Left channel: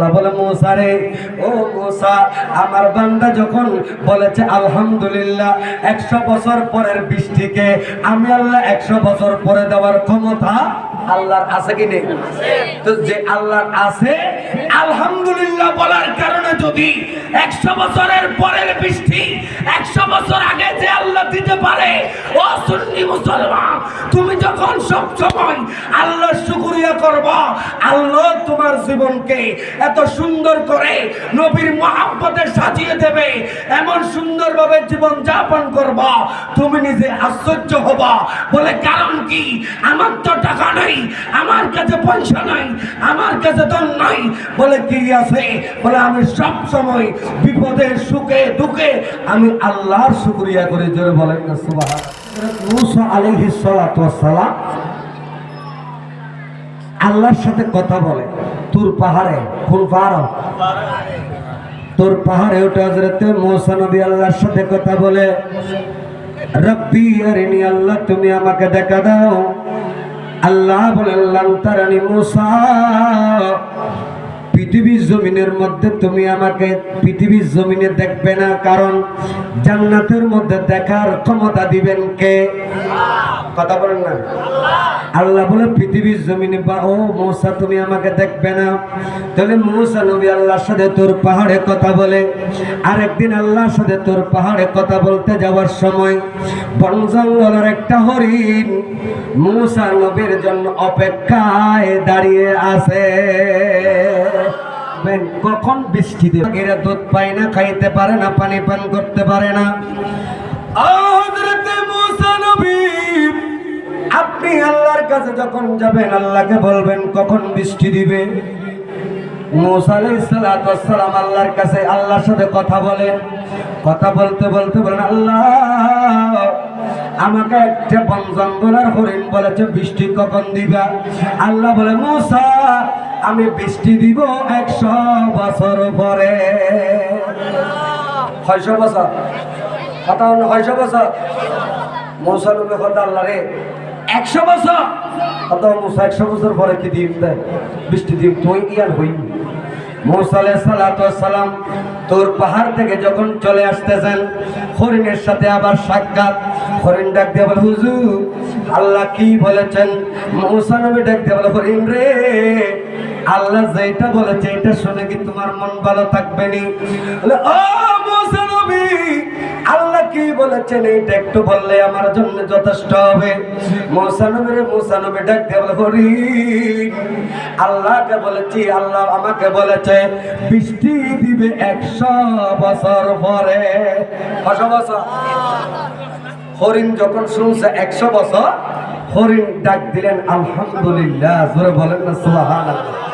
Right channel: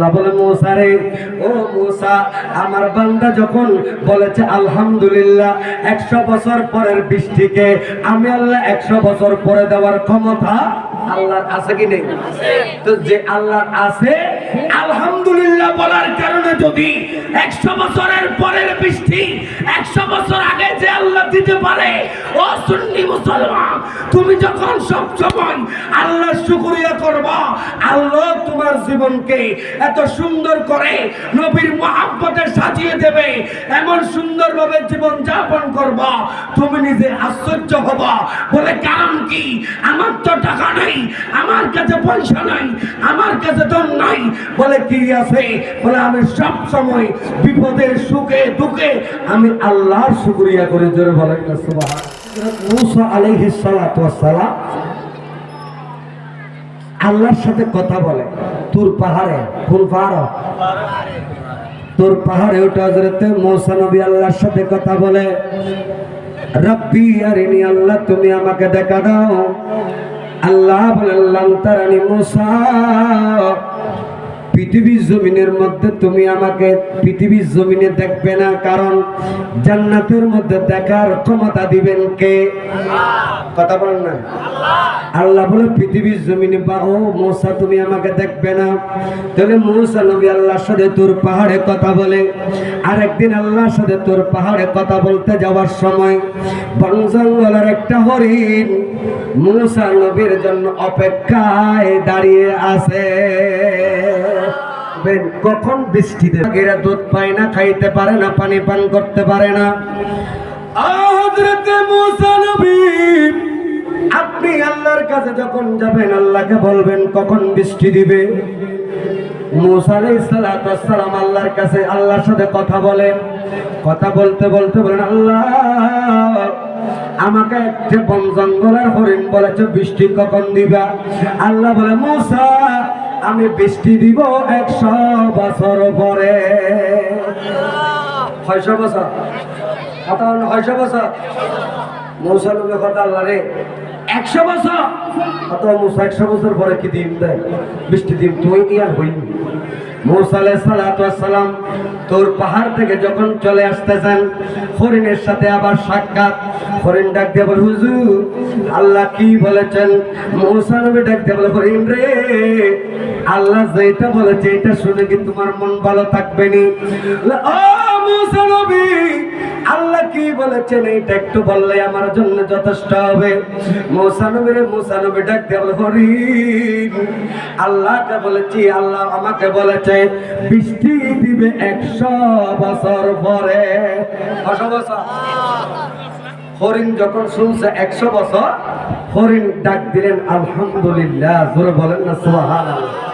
আল্লাহ বলে, মৌসা রে, ও মৌসা, আমার বান্দা যখন বলেছে আলহামদুলিল্লাহ, একশো বছর পরের বৃষ্টিকে আমি আল্লাহ একশো বছর পরে দেওয়ার ক্ষমতা আল্লাহর আছে কি নেই? তো যে আল্লাহর আছে, আলহামদুলিল্লাহ বলার কারণে যদি একশো বছরের পরের বৃষ্টি, একশো বছর দিতে পারে। ও সুন্নি মুসলমান, তুমি যখন সব সময় আল্লাহর শুকরিয়া করবা, আল্লাহ তোমার জীবনকে এত সুন্দর করে নবীর মহাব্বতে সাজিয়ে দেবে। এমন সুন্দরভাবে জীবন যাপন করবা, তুমি নিজে আশ্চর্য হবা। বলে কারণ কি? আমার তো টাকা নাই, আমার কাছে পয়সা নাই, আমার কাছে ধন নাই। বলে কি আছে? বলে আমি সব সময় বিপদে, সুখে, দুঃখে আমি আল্লাহর শুকরিয়া করে, জোরে বলেন না সুবহান মুসা আলাইহিস সালাতু আল্লাহর সাথে কথা বলে, তুর পাহাড়ে কোন পাহাড় তোর পাহাড়ে ওটা হজরতে মৌসা নবী আল্লাহর সাথে কথা বলে। রব্বি আরিনি আল্লাহ, তুমি আমাকে দেখা দাও। আল্লাহ বলে আল্লাহ তারানি মুসা। পৃথিবীর জমিনের মধ্যে তুমি আমাকে পৃথিবীর জমিনে দেখবে না, কারণ জান্নাতের মধ্যে দেখার ক্ষমতা দিবেন কে? কথা বলেন না। আল্লাহ বলে, পৃথিবীর জমিনে বা ও মৌসা, তুমি আমাকে দেখবে না। তাহলে মৌসা নবী আল্লাহর সাথে তোর পাহাড়ে কথা বলে। আর একদিন আল্লাহর সাথে তোর পাহাড়ে কথা বলতে যাওয়ার সময় বন জঙ্গলের একটা হরিণ মৌসা নবীর জন্য অপেক্ষায় দাঁড়িয়ে আছে। দেখবেন কখন বৃষ্টি দেবে এরা দুধ পায় না, খাইতে পারে না, পানি পান করতে পারে না। আপনি আল্লাহর কাছে যখন যাবেন, আল্লাহকে বলবেন, কখন বৃষ্টি দিবে? মুসা আলাইহিস সালাতু ওয়াস সালাম আল্লাহর কাছে আল্লাহর সাথে কথা বলেন। কথা বলতে বলতে বলেন, আল্লাহ, আমাকে একটা বন জঙ্গলের হরিণ বলেছে, বৃষ্টি কখন দিবা? আল্লাহ বলে, মুসা আমি বৃষ্টি দিব একশো বছর পরে। ছয়শো বছর? কথা ছয়শো বছর? মৌসা লোকের কথা আল্লাহ রে? একশো বছর? কত মৌসা, একশো বছর পরে কি দিন দেয়? বৃষ্টি দিব তুই হই? আলাইহিস সালাতু ওয়াস সালাম তোর পাহাড় থেকে যখন চলে আসতেছেন, হরিণের সাথে আবার সাক্ষাৎ। হরিণ ডাক দিয়ে বলে আল্লাহ কি বলেছেন? মৌসা নবী ডাক দিয়ে বলে, হরিণ রে আল্লাহ যেটা বলেছে এটা শুনে কি তোমার মন ভালো থাকবে নি আল্লাহ কি বলেছেন এইটা একটু বললে আমার জন্য যথেষ্ট হবে। মৌসা নবী রে, মৌসা নবী ডাক দিয়ে বলে হরিণ আল্লাহকে বলেছি, আল্লাহ আমাকে বলেছে, বৃষ্টি দিবে একশো বছর পরে। কশো বছর? হরিণ যখন শুনছে একশো বছর, হরিণ ডাক দিলেন, আলহামদুলিল্লাহ। বলেন না, সুবহানাল্লাহ।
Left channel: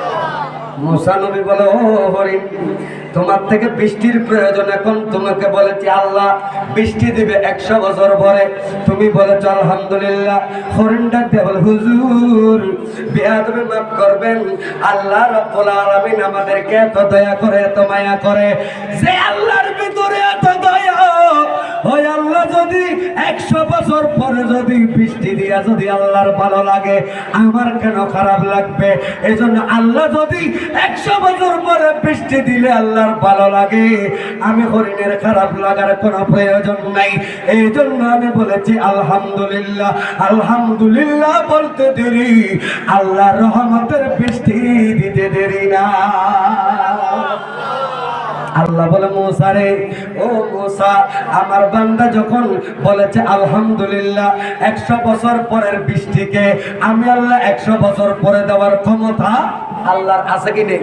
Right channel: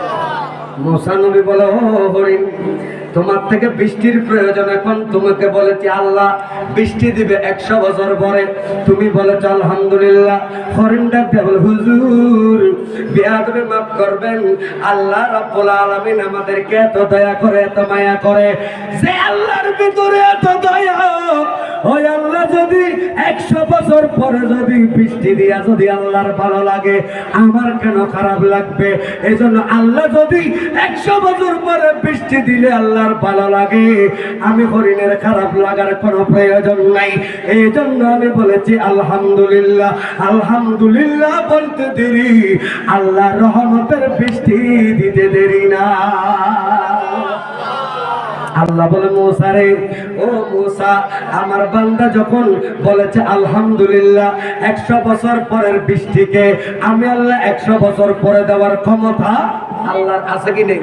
মুসা নবী বলে, ও হরিণ, তোমার থেকে বৃষ্টির প্রয়োজন এখন তোমাকে বলেছি, আল্লাহ বৃষ্টি দিবে একশো বছর পরে। তুমি বলেছ, আলহামদুলিল্লাহ, হরিণ ডাক দিয়ে বলে, হুজুর, বিয়াদবি মাফ করবেন। আল্লাহ রব্বুল আলামিন আমাদেরকে এত দয়া করে, এত মায়া করে, যে আল্লাহর ভিতরে এত দয়া যদি একশো বছর পরে যদি বৃষ্টি দিয়া যদি আল্লাহর ভালো লাগে, আমার কেন খারাপ লাগবে? এই জন্য আল্লাহ যদি একশো বছর পরে বৃষ্টি দিলে আল্লাহর ভালো লাগে, আমি হরিণের খারাপ লাগার কোনো প্রয়োজন নাই। এই জন্য আমি বলেছি, আলহামদুলিল্লাহ আলহামদুলিল্লাহ বলতে দেরি। আল্লাহ রহমতের বৃষ্টি দিতে দেরি না। আল্লাহ বলে মৌসা রে ও মৌসা আমার বান্দা যখন বলেছে আলহামদুলিল্লাহ একশো বছর পরের বৃষ্টিকে আমি আল্লাহ একশো বছর পরে দেওয়ার ক্ষমতা আল্লাহর আছে কি নেই?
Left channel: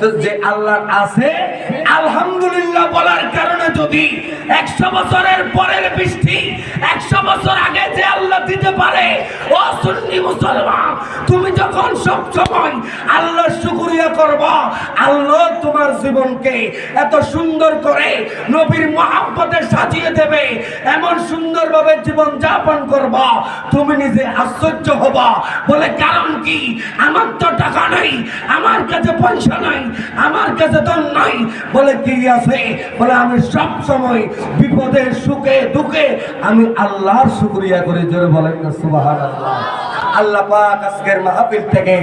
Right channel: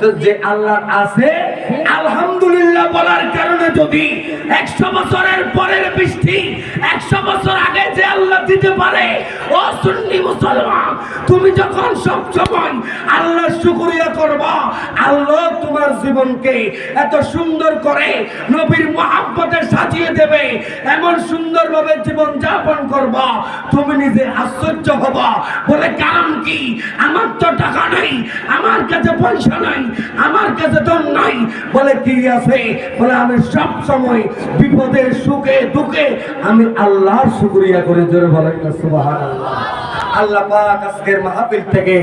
তো যে আল্লাহর আছে আলহামদুলিল্লাহ বলার কারণে যদি একশো বছরের পরের বৃষ্টি, একশো বছর আগে যে আল্লাহ দিতে পারে, ও সুন্নি মুসলমান, তুমি যখন সব সময় করবা, আল্লাহ তোমার জীবনকে এত সুন্দর করে নবীর মহাব্বতে সাজিয়ে দেবে, এমন সুন্দরভাবে জীবন যাপন করবা, তুমি নিজে আশ্চর্য হবা। বলে কারণ কি? আমার তো টাকা নাই, আমার কাছে পয়সা নাই, আমার কাছে ধন নাই। বলে কি আছে? বলে, আমি সব সময় বিপদে, সুখে, দুঃখে, আমি আল্লাহর শুকরিয়া করে। জোরে বলেন সুবহানাল্লাহ। আল্লাহ পাক আজকের মাহফিল থেকে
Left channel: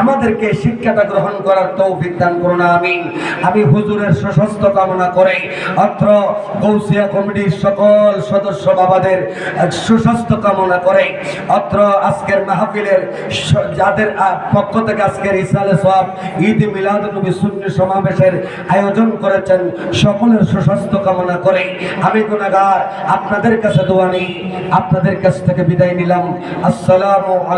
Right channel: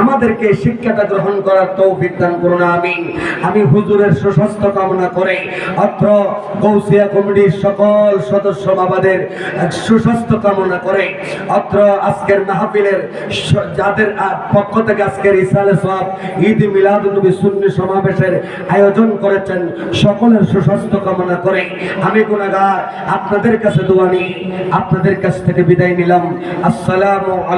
আমাদেরকে শিক্ষাটা গ্রহণ করার তৌফিক দান করুন, আমিন। আমি হুজুরের সুস্বাস্থ্য কামনা করে অত্র গৌসিয়া কমিটির সকল সদস্য বাবাদের সুস্বাস্থ্য কামনা করে অত্র আজকের মাহফিলের যাদের পক্ষ থেকে আজকের ইসালে সব ঈদ মিলাদ নবী সুন্নি সমাবেশের আয়োজন করেছেন, সকলের সুস্বাস্থ্য কামনা করে আমি গুনাহগার, আপনাদের কাছে দোয়া নিই, আপনাদের কাছ থেকে বিদায় নিলাম। আসসালামু আলাইকুম